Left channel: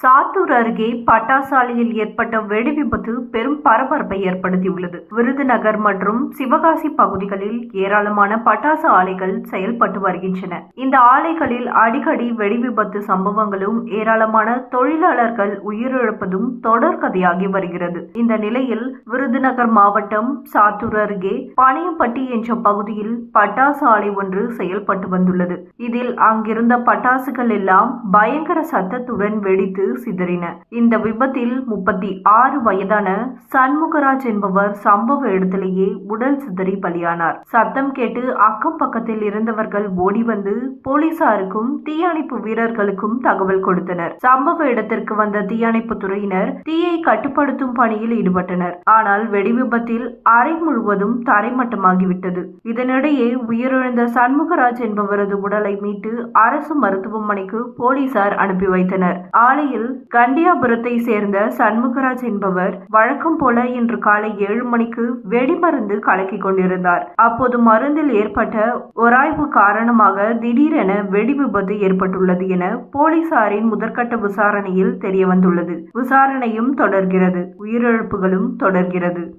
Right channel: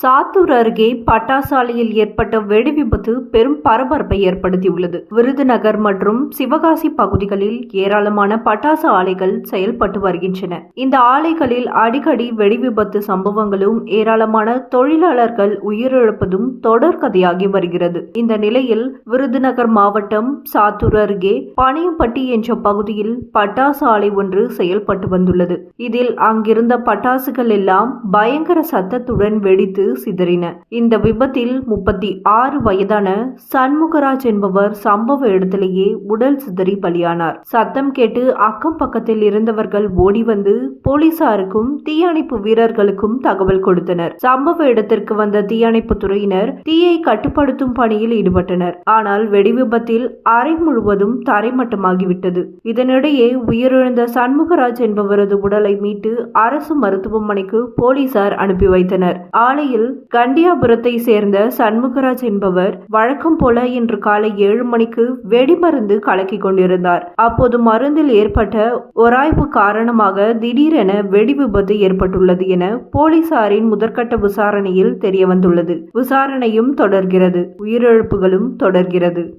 saw Sattur அருகே பட்டாசாலையில் ஏற்பட்ட வெடி விபத்து பெரும் பரபரப்பை ஏற்படுத்தியுள்ளது. விருதுநகர் மற்றும் சிவகாசி பகுதிகளில் ஏராளமான பட்டாசு ஆலைகள் செயல்பட்டு வருகின்றன. இந்த ஆலைகளில் அடிக்கடி வெடி விபத்து சம்பவங்களும் ஏராளமான தொழிலாளர்கள் உயிரிழப்பதும் தொடர்கதையாகி வருகிறது. இந்த நிலையில் விருதுநகர் மாவட்டம் சாத்தூர் அருகே பனையம்பட்டி என்ற பகுதியில் பட்டாசு ஆலை ஒன்று செயல்பட்டு வந்துள்ளது. இதில் அங்கிருந்த பட்டாசுகள் எல்லாம் பயங்கர சத்தத்துடன் வெடித்து சிதறின. இந்த விபத்தில் முப்பத்தி ஆறு வயதான சண்முகராஜ் என்பவர் சம்பவ இடத்திலேயே உடல் சிதறி பலியானார். சத்தம் கேட்டு அக்கம் பக்கத்தில் இருந்தவர்கள் ஓடி வந்து போலீசாருக்கும் தீயணைப்பு வீரர்களுக்கும் தகவல் கொடுத்தனர். சம்பவ இடத்திற்கு வந்த தீயணைப்பு துறையினர் தீயை கட்டுப்படுத்தும் பணியில் ஈடுபட்டனர். ஆனால் வெடி விபத்தில் அறை முழுவதும் தரைமட்டமாகிவிட்டது. இதனிடையே உயிரிழந்த சண்முகராஜ் என்பவரது உடலை மீட்டு அரசு மருத்துவமனைக்கு போலீசார் அனுப்பி வைத்தனர். ஆலையில் கண்டியாபுரத்தை சேர்ந்த சண்முகராஜ் என்பவர் வழக்கம் போல இன்று காலை ஏழு மணிக்கு வெடிமருந்து கலக்கிக் கொண்டிருந்தார். அப்போது மருந்தில் ஏற்பட்ட ஒராய்வு காரணமாக திடீரென வெடி விபத்து ஏற்பட்டுள்ளது என போலீசாரின் முதற்கட்ட விசாரணையில் தெரியவந்துள்ளது. விசாரணையும் தொடர்கிறது. உயிரிழப்புகளும் தொடர்கிறது.